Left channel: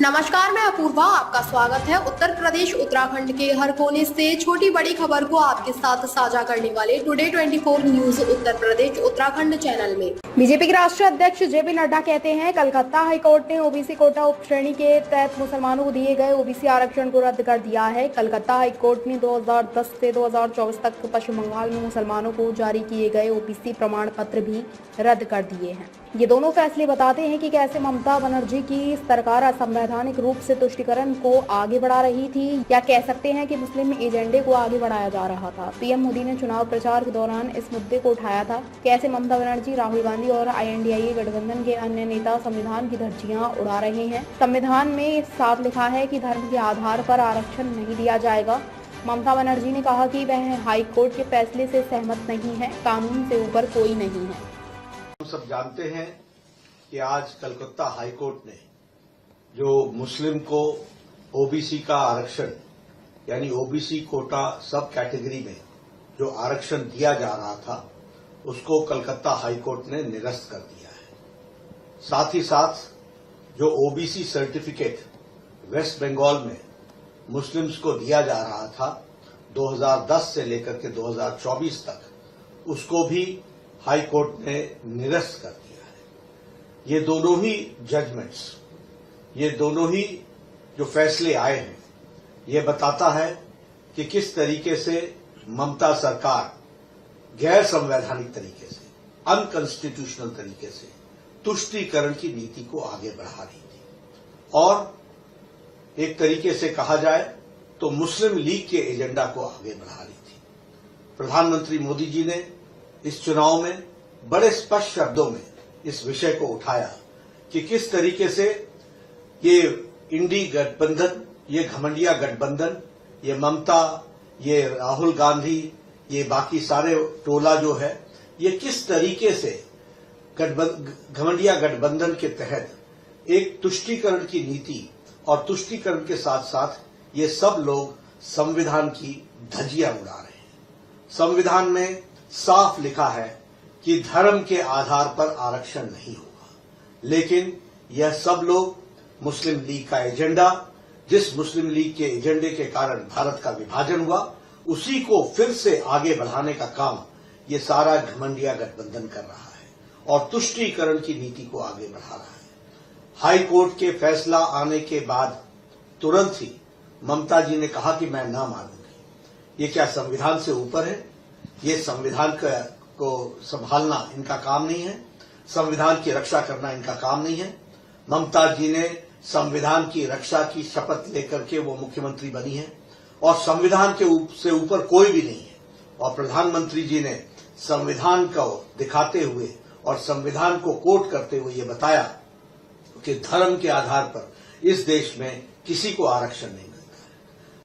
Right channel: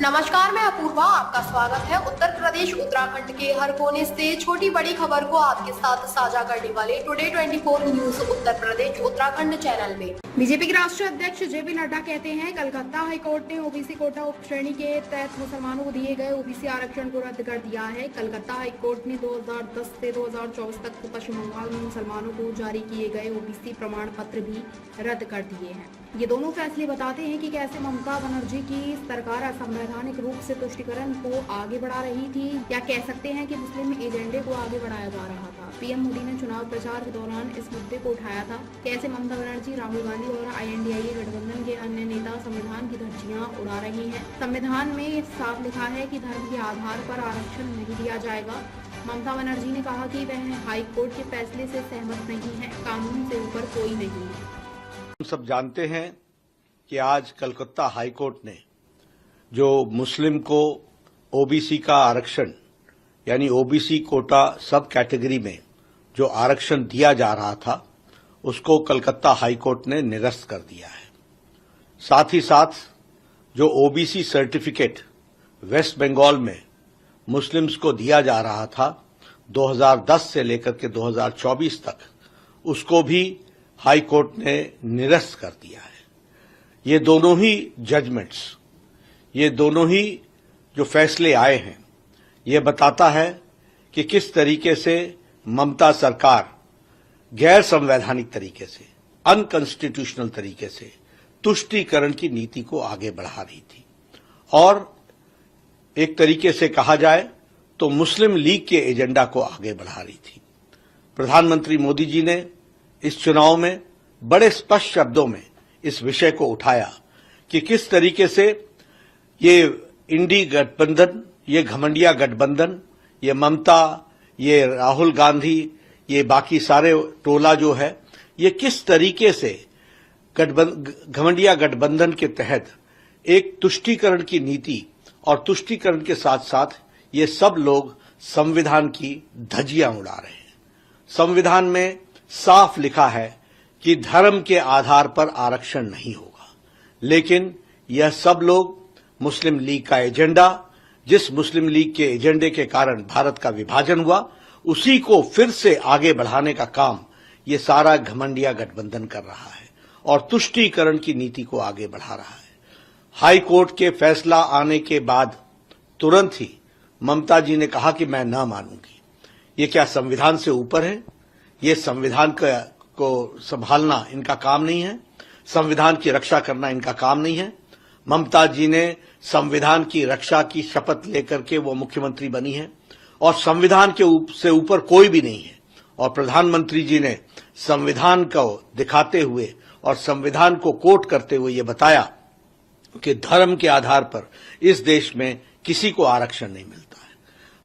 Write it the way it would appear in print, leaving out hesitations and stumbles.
नमस्कार, मैं अपूर्वा, आपका स्वागत है। उत्तर प्रदेश उत्तराखंड के हर कोने से छोटी बड़ी खबर को आपके साथ साझा करने वाले today 24 news Uttar Pradesh Uttarakhand channel में। बीजेपी के राष्ट्रीय अध्यक्ष जेपी नड्डा कहते हैं, कलकत्ता हाईकोर्ट ने ओबीसी कोटा उप श्रेणी के तहत मुसलमानों को दिए गए ओबीसी आरक्षण को रद्द कर दिया है। कलकत्ता हाईकोर्ट ने 2010 से 2024 तक पश्चिम बंगाल में मुसलमानों को जारी किए गए ओबीसी प्रमाण पत्र भी रद्द कर दिए हैं। ये दोनों फैसले बताते हैं कि कैसे ममता बनर्जी की सरकार असंवैधानिक रूप से तुष्टीकरण को आगे बढ़ा रही थी, या कह सकते हैं कि मुस्लिम एजेंडे को आगे बढ़ाया जा रहा था। पीएम मोदी ने चुनाव प्रचार के दौरान इस मुद्दे को उठाया था। कैसे ममता बनर्जी, राहुल गांधी और INDIA गठबंधन के अन्य नेता संविधान की धज्जियां उड़ा रहे हैं। संविधान में साफ लिखा है कि धर्म के आधार पर आरक्षण नहीं दिया जाएगा। ममता बनर्जी ने कहा कि वह हाईकोर्ट के फैसले से सहमत नहीं है। कानून से ऊपर कोई नहीं है। हम सब जानते हैं कि आज कलकत्ता हाईकोर्ट ने जो मुस्लिम को ओबीसी का आरक्षण यानी ओबीसी कोटा सब कैटेगरी में जो आरक्षण दिया जा रहा था, उसको कलकत्ता हाईकोर्ट ने निरस्त कर दिया है। साथ ही साथ जो ओबीसी सर्टिफिकेट वेस्ट बंगाल में मुस्लिम्स को दिया जा रहा था 2010 से लेकर के 2024 तक, उसको भी हाई कोर्ट ने निरस्त कर दिया है। ये दोनों ही जजमेंट्स, ये दोनों ही जो फैसले आए हैं, ये बताता है कि किस तरीके से ममता सरकार गैर संवैधानिक तरीके से, अनकॉन्स्टिट्यूशनल तरीके से तुष्टीकरण की नीति को आगे बढ़ा रही थी। और एक तरीके से कहा जाए तो मुस्लिम लीग के एजेंडा को आगे बढ़ा रही थी। प्रधानमंत्री मोदी जी ने इस चुनाव में बड़े स्पष्ट शब्दों में इस विषय को उठाया कि किस तरीके से ये इंडी गठबंधन, ये घमंडिया गठबंधन, ये ममता, ये राहुल गांधी, ये बाकी सारे टोला जो है, ये किस तरीके से घमंडिया गठबंधन के तहत एक तुष्टीकरण की नीति और तुष्टीकरण के साथ साथ ये सब लोग संविधान की धज्जियां उड़ा रहे हैं। संविधान में साफ लिखा है कि धर्म के आधार पर आरक्षण नहीं होगा, लेकिन यह सब लोग मुस्लिम लीग का एजेंडा, जिस मुस्लिम लीग के एजेंडे के कारण भारत का विभाजन हुआ, उसी को फिर से आगे बढ़ाने का काम ये सारा घमंडिया गठबंधन कर रहा है और तुष्टीकरण की नीति को आगे बढ़ा रहा है। हाई कोर्ट के फैसला आने के बाद तुरंत ही ममता जी ने कहा कि मैं न मानूंगी। ये क्या संविधान से ऊपर है? ये संविधान को संभालना इनका काम नहीं है, संविधान की रक्षा करना इनका काम नहीं है। ममता जी ने संविधान की रक्षा की शपथ लेकर के वो मुख्यमंत्री बनी है और संविधान के से ऊपर कोई भी नहीं है। और प्रधानमंत्री जी ने संविधान को दिखाते हुए और संविधान को कोट करते हुए ये बताया कि धर्म के आधार पर इस देश में किसी को आरक्षण नहीं मिलता।